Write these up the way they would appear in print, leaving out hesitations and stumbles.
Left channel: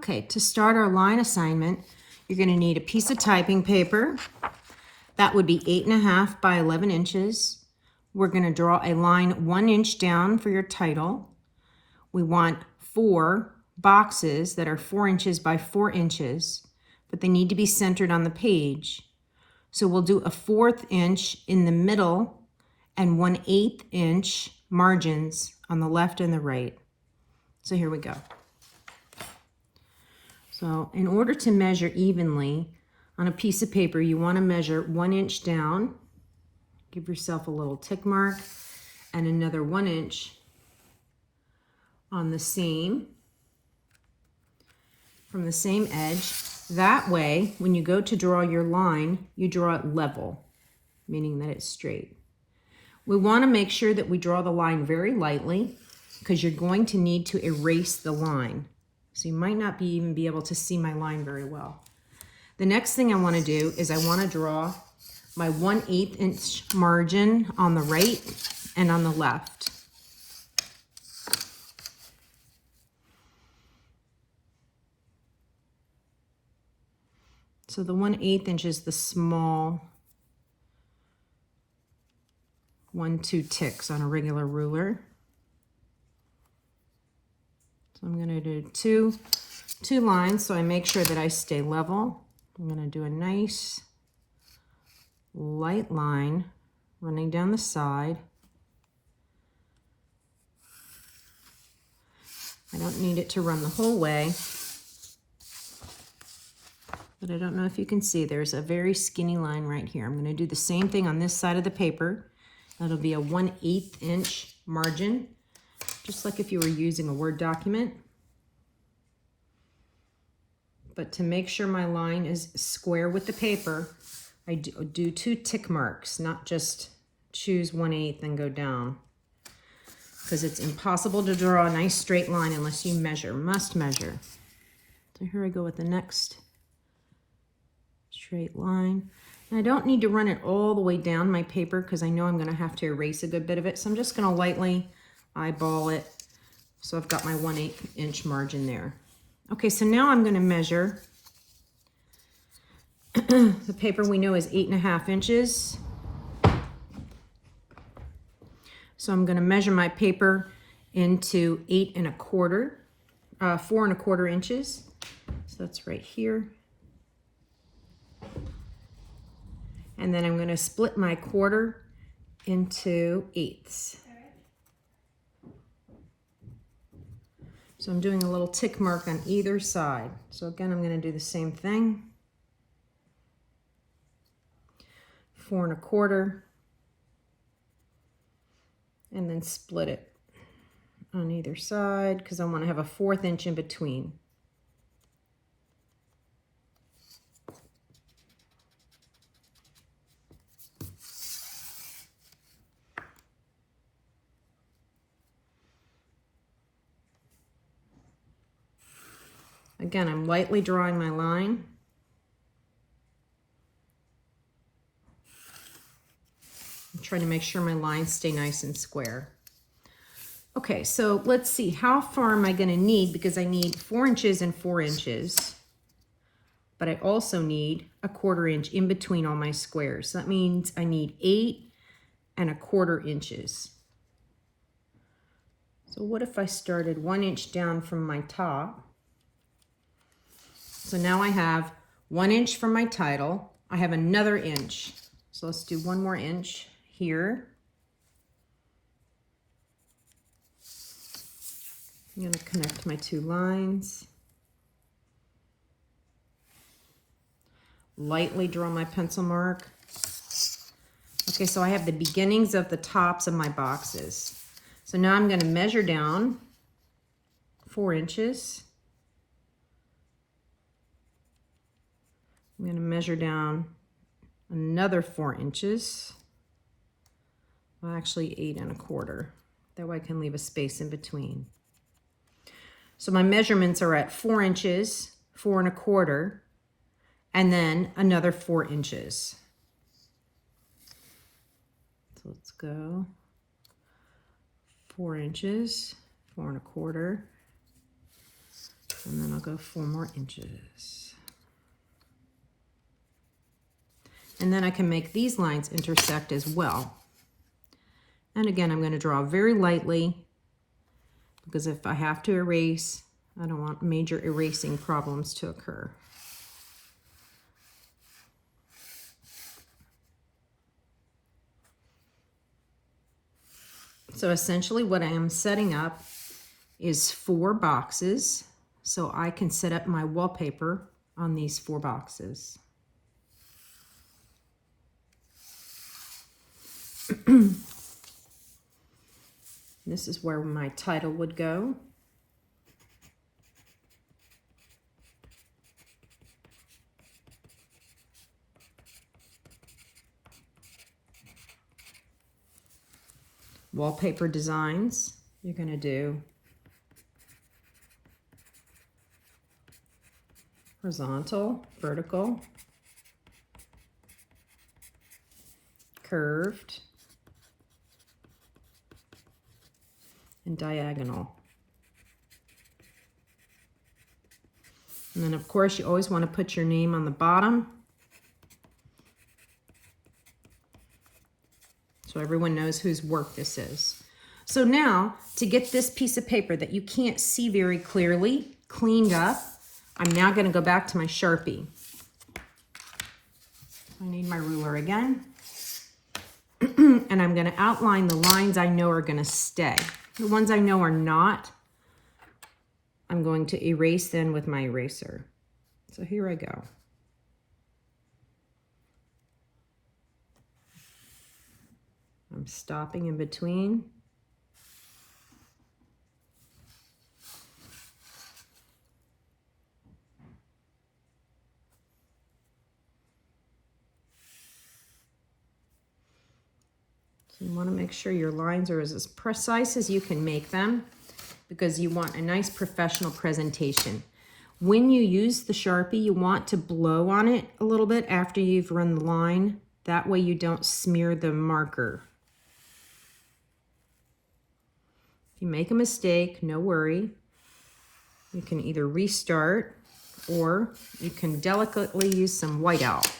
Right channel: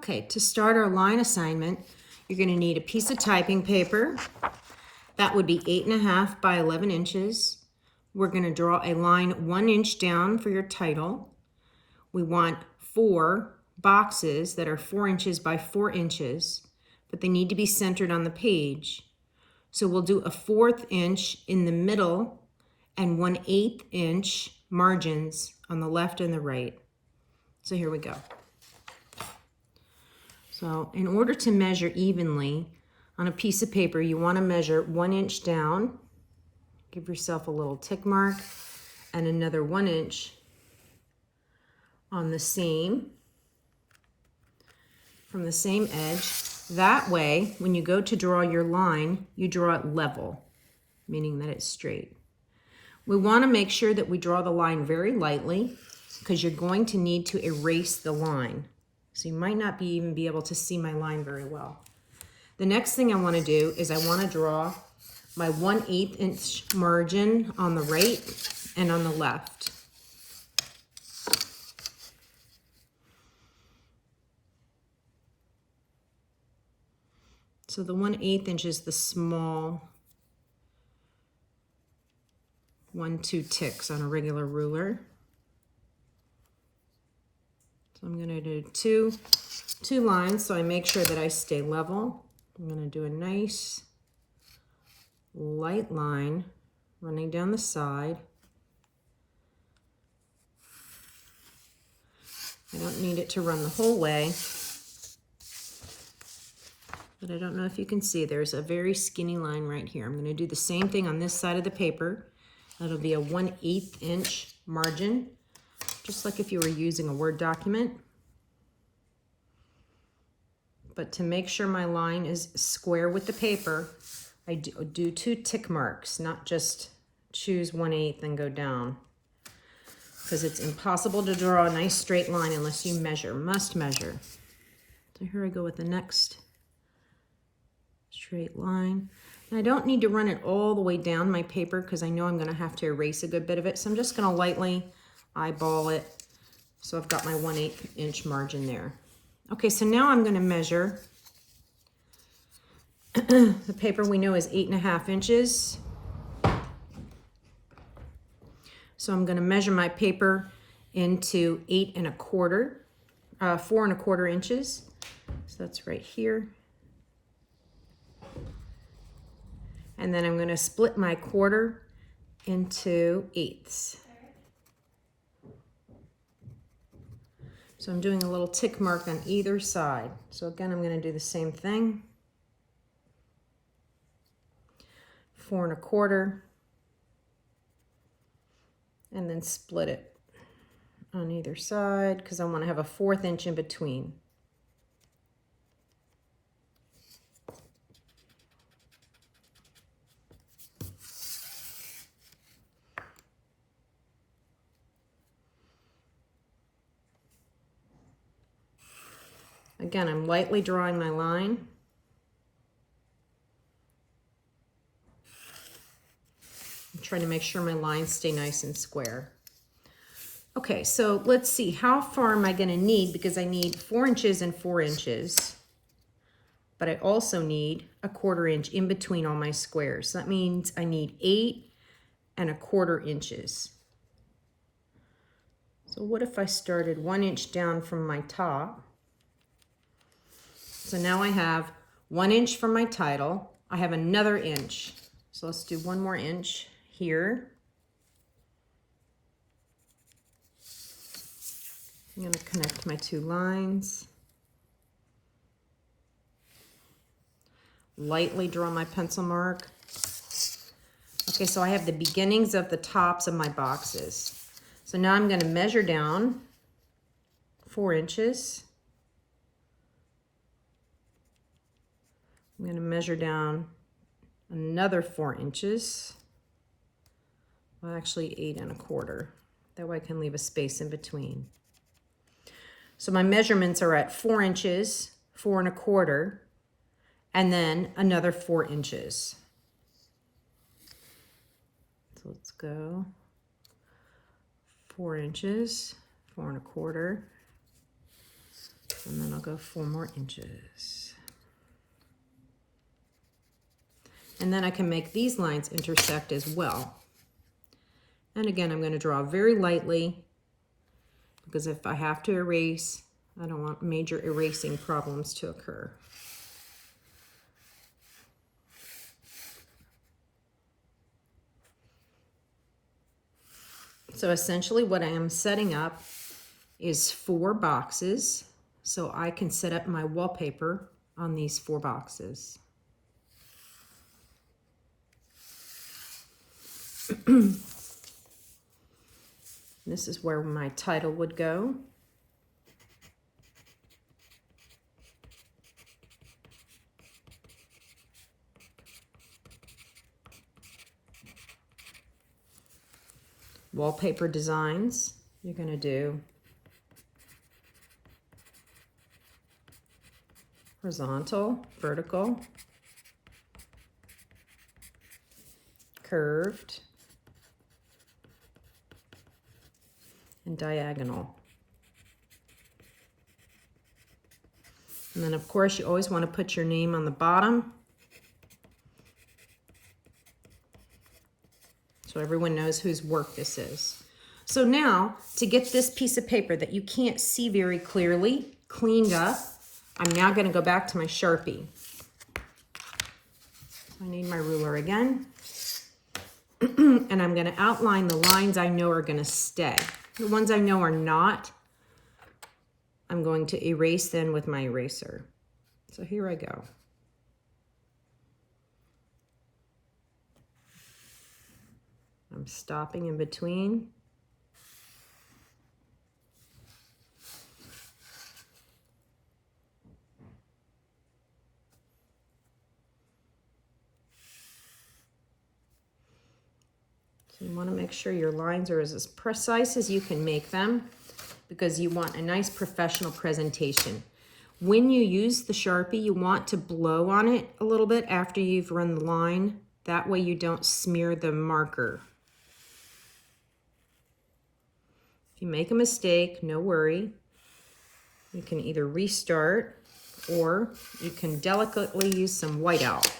Okay, to start our line assignment, you're going to need a piece of typing paper. That would be 8.5 by 11 inches. We're going to draw a line 1 inch down for your title. We want 4 boxes that are 4 inches by 4 inches, but they need to be centered on the page. So we'll do a 1/4 inch in the middle and 1/8 inch margins on the left and the right. So here we go. So in order to measure evenly on a piece of paper, you want to measure 1 inch down. Give yourself a little tick mark and another 1 inch on the same, from the same edge. That way, when you go to draw your line, you draw it level, meaning that it's straight. We want to make sure that we draw the line very lightly because you're going to need to erase the line. So you might not even be able to see my line very well. The next thing I want to do is I want to draw my 1/8 inch margin on the right and on the left. So the 1/8 inch is the small 1-2 ticks on a regular ruler. So I'm going to do two lines so I make sure that I stay level. I'm going to do a nice light line running down the side. I don't need it to run the whole way, but I don't know if you can see, there's a very skinny line right here. I'm going to do the same thing on this side of the paper. That'll be a 1/8 inch margin, just like if you were using a Word document. But to make sure my line is square with the paper, I do 2 tick marks, not just choose 1/8 and go down. Because it's impossible to draw a nice straight line unless you must measure. So here I go with the next straight line. And I don't need to run it all the way down my paper because I know I'm going to have to erase a good bit of it. So I'm just going to lightly eyeball it. So I've got my 1/8 inch margin there. Okay, so now I'm going to measure. The paper we know is 8.5 inches. So I'm going to measure my paper into 4.25 inches. So that's right here. And then I'm going to split my quarter into 1/8. So I'm doing a little tick mark on either side. So again, I'm going to do the same thing. 4.25, and then split it on either side because I want to have a 1/4 inch in between. Again, I'm lightly drawing my line. I'm trying to make sure my lines stay nice and square. Okay, so let's see, how far am I going to need? Because I need 4 inches and 4 inches. But I also need a 1/4 inch in between all my squares. So that means I need 8.25 inches. So what if I started 1 inch down from my top? So now I have 1 inch from my title. I have another inch. So let's do 1 more inch here. I'm going to connect my 2 lines. Lightly draw my pencil mark. Okay, so I have the beginnings of the tops of my boxes. So now I'm going to measure down 4 inches. I'm going to measure down another 4 inches. Well, actually 8.25. That way I can leave a space in between. So my measurements are at 4 inches, 4.25, and then another 4 inches. So let's go 4 inches, 4.25, and then I'll I'll go 4 more inches. And then I can make these lines intersect as well. And again, I'm going to draw very lightly because if I have to erase, I don't want major erasing problems to occur. So essentially what I am setting up is 4 boxes, so I can set up my wallpaper on these 4 boxes. This is where my title would go. Wallpaper designs, you're going to do horizontal, vertical, curved, and diagonal. And then of course you always want to put your name on the bottom so everyone knows whose work this is. So now, to get this piece of paper that you can't see very clearly cleaned up, I'm now going to go back to my Sharpie. I need my ruler again. And I'm going to outline the lines I know are going to stay. The ones I know are not, I'm going to erase them with my eraser. So here I go. I'm stopping in between. So you want to make sure your lines are as precise as you can make them because you want a nice professional presentation. When you use the Sharpie, you want to blow on it a little bit after you've run the line. That way you don't smear the marker. If you make a mistake, no worry. You can either restart or you can delicately use some whiteout.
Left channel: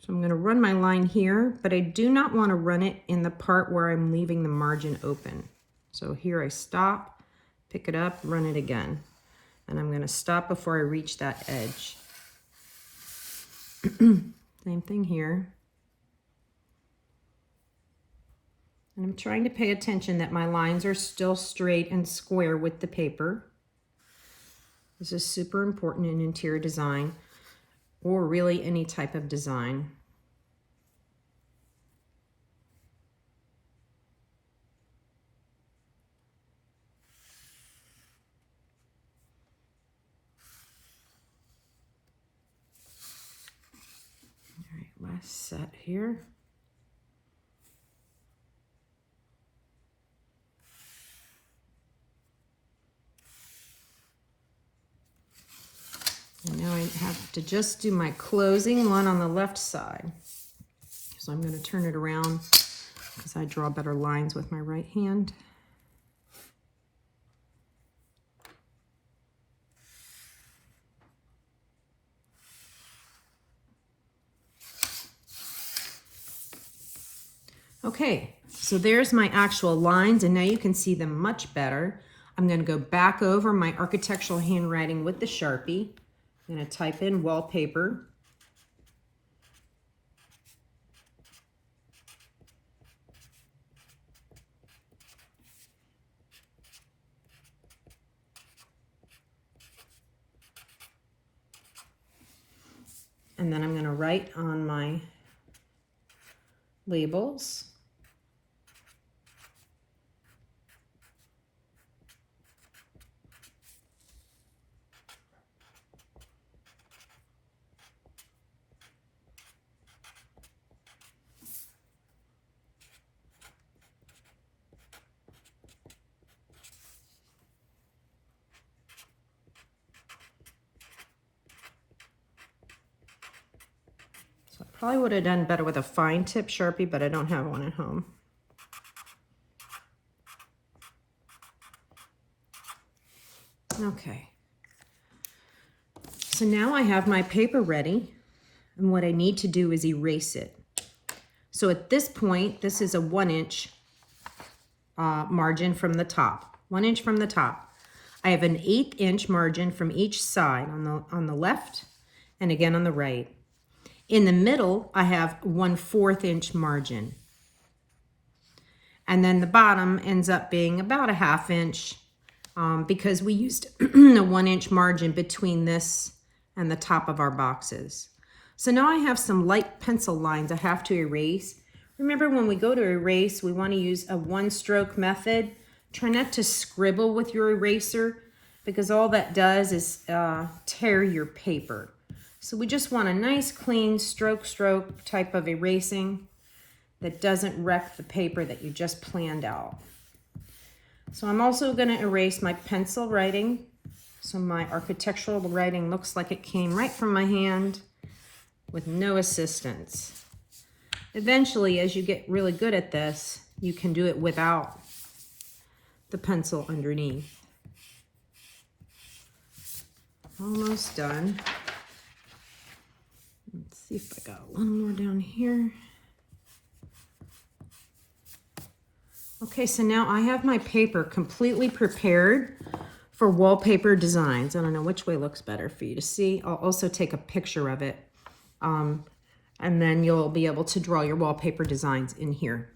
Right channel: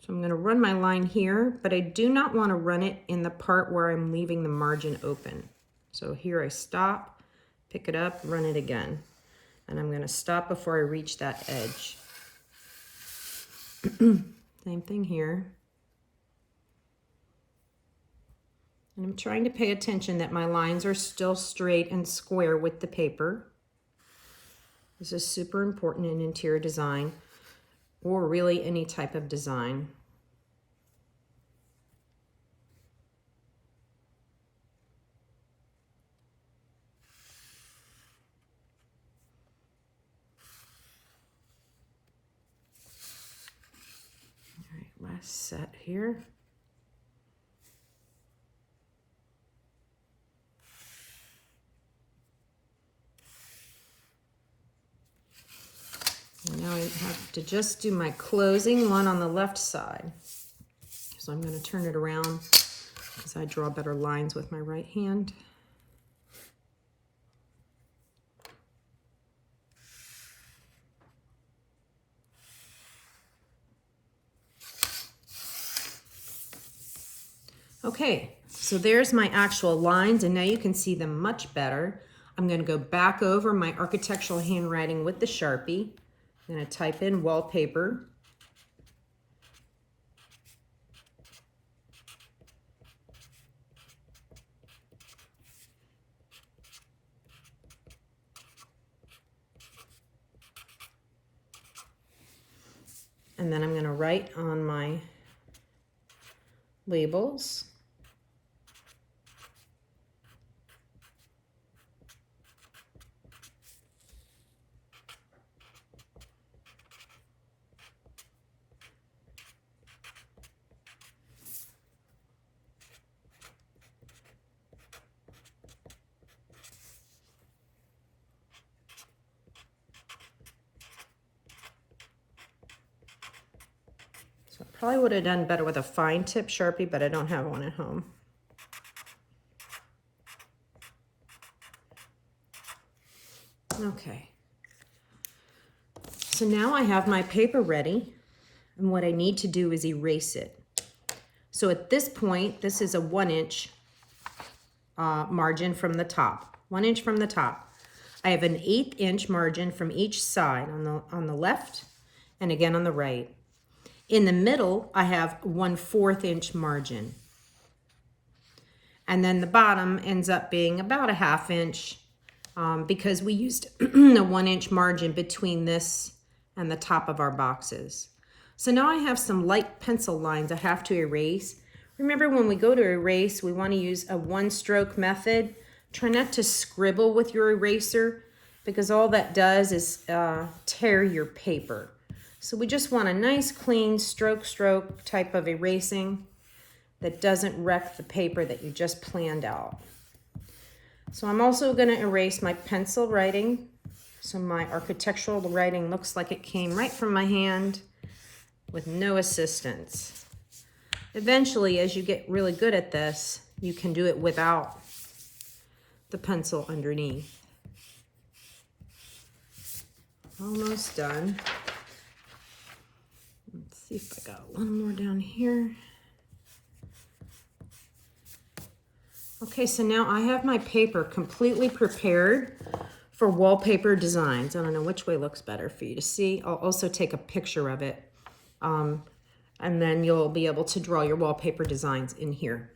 So I'm going to run my line here, but I do not want to run it in the part where I'm leaving the margin open. So here I stop, pick it up, run it again. And I'm going to stop before I reach that edge. Same thing here. And I'm trying to pay attention that my lines are still straight and square with the paper. This is super important in interior design, or really any type of design. All right, last set here. And now I have to just do my closing one on the left side. So I'm going to turn it around because I draw better lines with my right hand. Okay, so there's my actual lines, and now you can see them much better. I'm going to go back over my architectural handwriting with the Sharpie. I'm going to type in wallpaper. And then I'm going to write on my labels. Probably would have done better with a fine tip Sharpie, but I don't have one at home. Okay. So now I have my paper ready, and what I need to do is erase it. So at this point, this is a 1 inch margin from the top, 1 inch from the top. I have an 1/8 inch margin from each side on the left and again on the right. In the middle, I have 1/4 inch margin. And then the bottom ends up being about a 1/2 inch because we used a 1 inch margin between this and the top of our boxes. So now I have some light pencil lines I have to erase. Remember, when we go to erase, we want to use a 1-stroke method. Try not to scribble with your eraser because all that does is tear your paper. So we just want a nice, clean stroke type of erasing that doesn't wreck the paper that you just planned out. So I'm also going to erase my pencil writing. So my architectural writing looks like it came right from my hand with no assistance. Eventually, as you get really good at this, you can do it without the pencil underneath. Almost done. Let's see if I got one more down here. Okay, so now I have my paper completely prepared for wallpaper designs. I don't know which way looks better for you to see. I'll also take a picture of it. And then you'll be able to draw your wallpaper designs in here.